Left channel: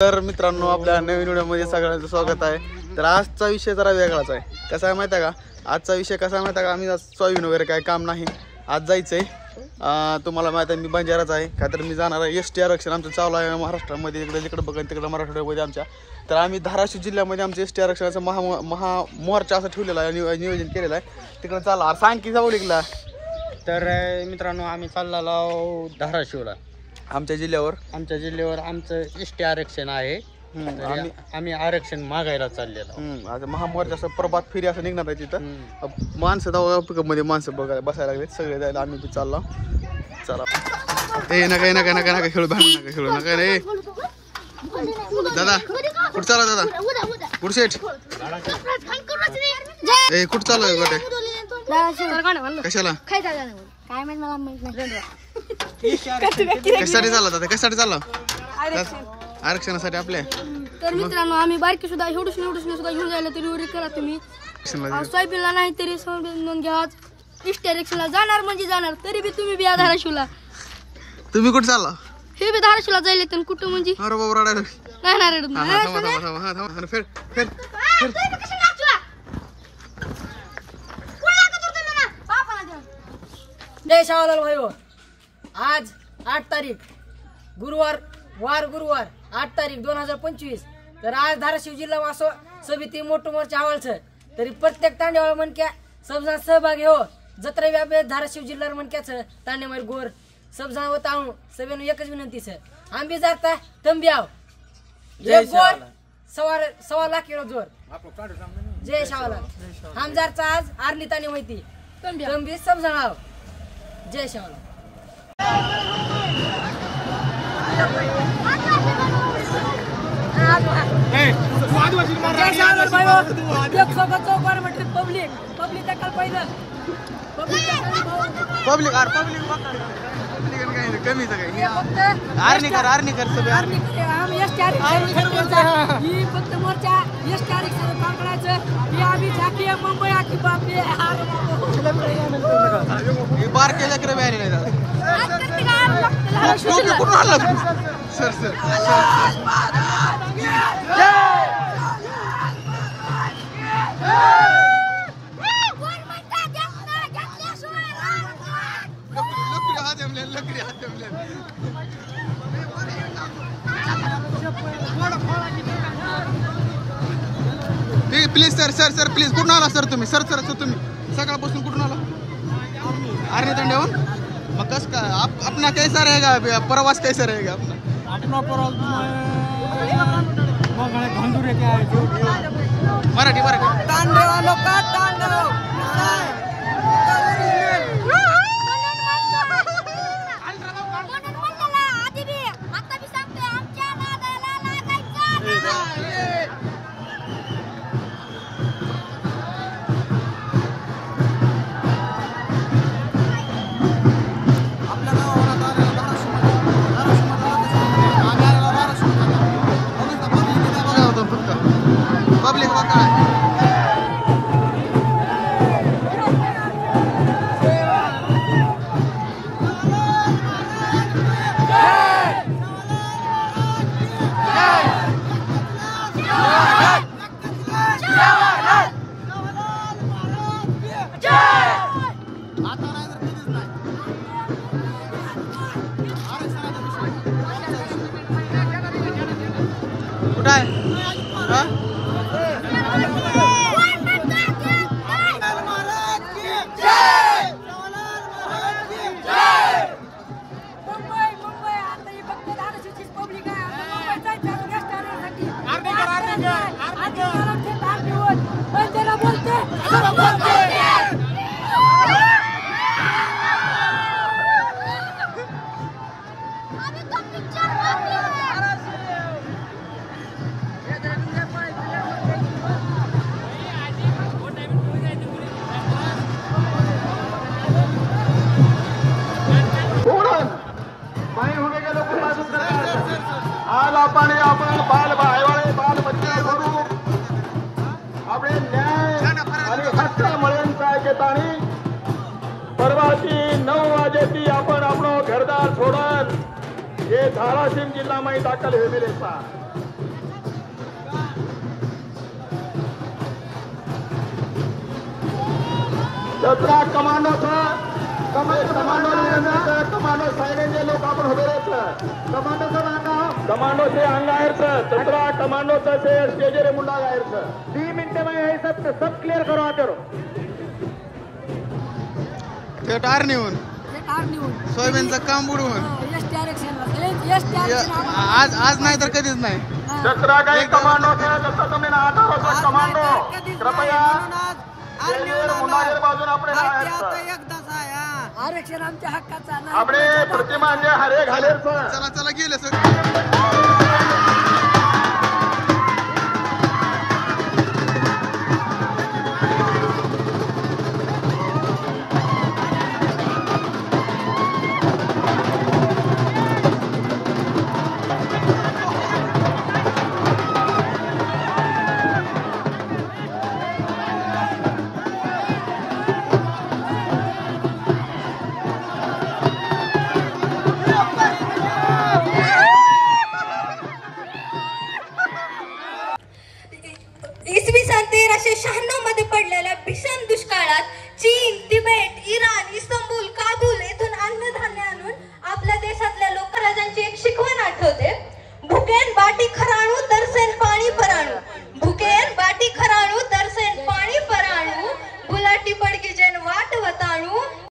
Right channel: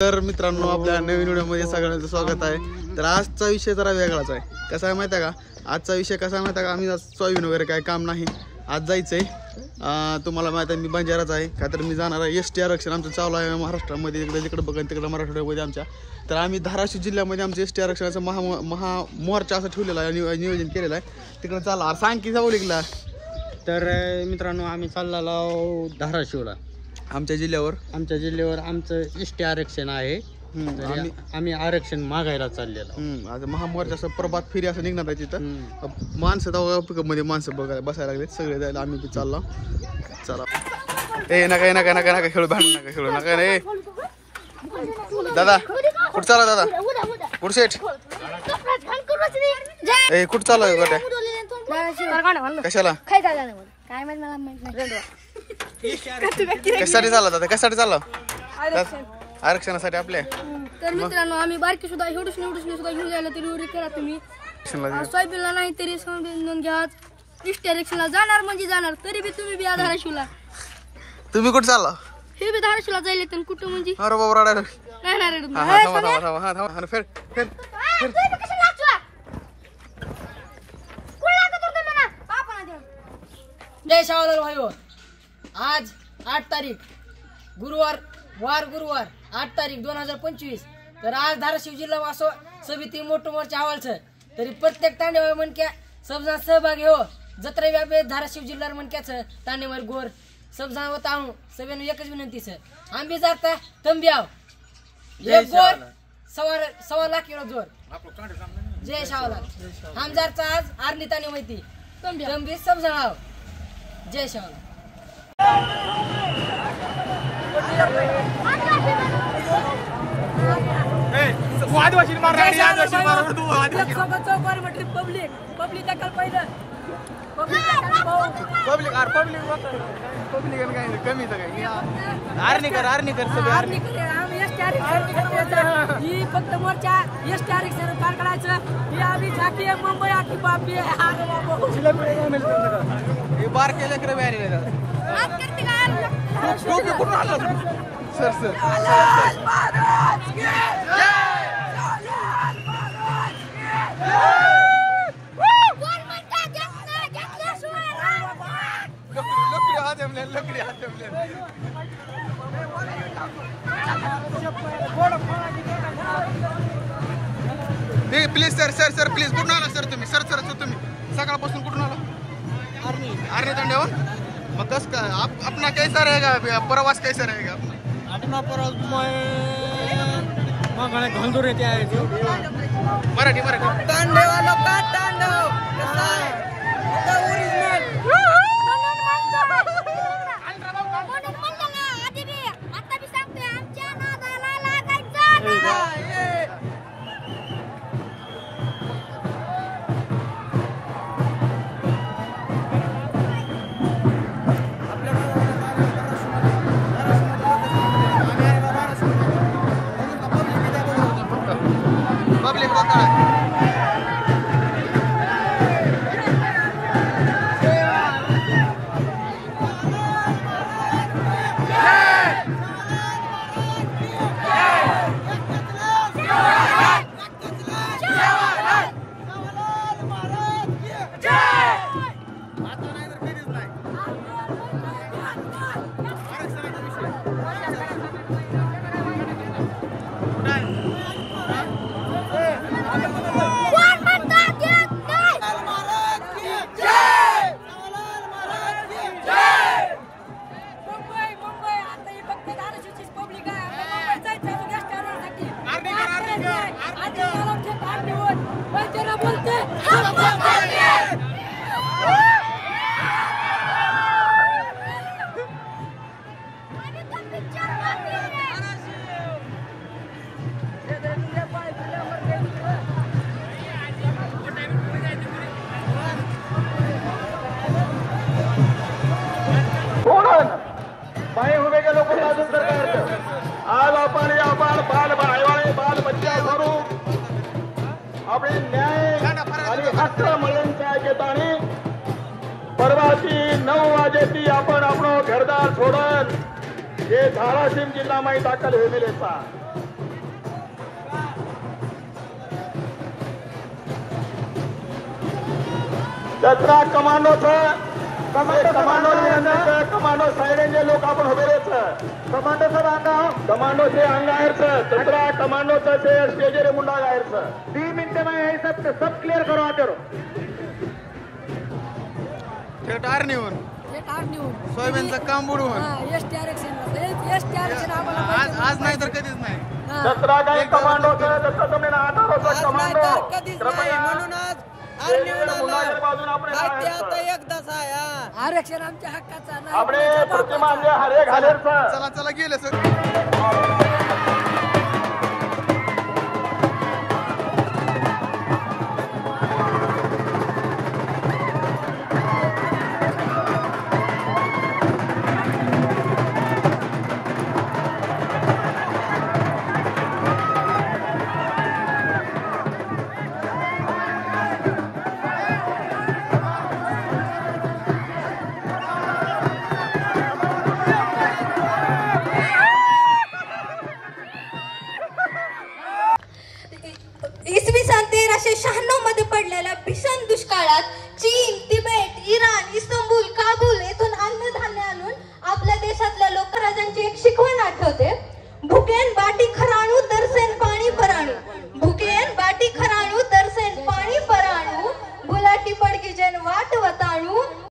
तर मित्रांनो आपल्या नवीन व्हिडिओमध्ये सगळ्यांचं स्वागत आहे। तर आजचा विषय जरा वेगळाच आहे। कसा आहे माहिती आहे का? आजचा विषय कसा आहे माहिती आहे का? आम्ही आज सोयाबीन वगैरे काय काम नाही, आज जायचंय। तुम्हाला माहिती आहे मी बंजाराच आहे का, तर मी जाणार आहे एसटी आरक्षण आमचं चालू आहे महाराष्ट्रामध्ये, इकडे जिकडे बघा तिकडे मराठवाड्यामध्ये आमच्या। तर आम्ही धाराशिव जिल्ह्यामध्ये आमचं एसटी आरक्षणाचं महामोर्चा असं ठेवलेला आहे, नियोजन केलेलं आहे। तिकडे चालला सांग की जाऊ लिखला। तर मित्रांनो आम्ही चाललेलो धाराशिवला, आमच्या जिल्ह्यावर आमचं एसटी आरक्षण आहे। आम्ही आरक्षण मागायला चाललेलो। आज महामोर्चा असं प्रभात फेरी असं निघणार आहे तिथं। माणसं तेव्हा पिकअप मध्ये माणसं बघायला बसायला लागले सगळे, जायला आम्ही बी चाललो। चला ए नका नका नका नका खेळू, भांडू नका खेळू नका रे दादा। कुठं चालला दादा? कुठं सेट ए कुठं चालू गोट्या? कशाला काय माहित मला माहित नाही। कशासाठी चालला दादा? कशासाठी चालला? आरक्षणासाठी आपल्या। तर मित्रांनो आम्ही बारकी सुद्धा एवढूस सुद्धा घेऊन जायला तरी उरी करा तुम्ही। सोयाबीनला नाही तरी सोयाबीन घ्या, एसटी आरक्षणला जाणार म्हणजे जाणार, तरी बी तुम्ही बी धाराशिवला। तुम्ही कुठं चालला? हे बी धाराशिवला जायला तर कुठं म्हणजे? अरे बाबा रडायला नाही ना रडत थांबा थांबा थांबा हा थांबा फेर फेर फेर। जय शाहलाल भाई, आज 8 तारीख गुरुवार 8 तारीख 2025। तर आज धाराशिव जिल्हा वासो समिती मोठं मोर्चा हवालचं, तरी प्रत्येक तांडेवाळ मनक्या सबजा सहभागी हो। जत्रा व्यापे धाराशिव जिल्हा मनक्याचं तांडेवाळ गोर सबजा होत आहो। सगळ्यांना एकच विनंती सर, आंबी जाता तंबी आव एक गोर सवा लाख किलो जोर। जय शाहलाल हमजारचा आज आरणी ताने माहिती तंबी सबजा आव। जय शाहलाल। कमीच काही आरणी कर सगळे आरणी ही फक्त मोर्चा एसटी आरक्षण पार करायचं। ही आम्ही झाकी आहे मुंबई आखी बापी बार केल्या करे बॅरी नाही टोपी कुठून आणला सर सर सर लकडी हात please sir sir sir please कुठून आला सर तुम्ही? सर सर सर तुम्ही सकाळपासून कुठून आला? आर्मी तांड्यावर। मग कस काय अपना कैसा रहेगा प्रवास, कैसा रहेगा अपना प्रवास घालून येते मराठी तांडेवालो का तांडव कसा आहे? पब्लिक बघा कुठं आहे? आज आपण बाल बच्चा करू आपले न्याय आणि हक्क मिळवण्याचा घेताना परवाची 9 वाजेची आपण घरदार सोडत हे धाराशिव जिल्हा में दाखल हुए मिले सा दसरा कमांडोचं कमांडो सायडेंचे लोक आपण उभे राहायचं कमांडोचं बांधव कमांडोचे अंगायरचं दसरा कमांडोचं से स्टेजरे मुंडा गायरचं 2 मिनटे में यही सब क्लियर करो आते ते टार नेऊन सोयाबीनचं काम बुडवून आज नाही तर कधीच नाही दसरा काही कमांडोचं जसं तुम्ही 18 कमांडो कृपया बाजून आपण आरक्षण आमच्या हक्काचा आपले प्रतिमा हरे घालायचं चला चला गेले सर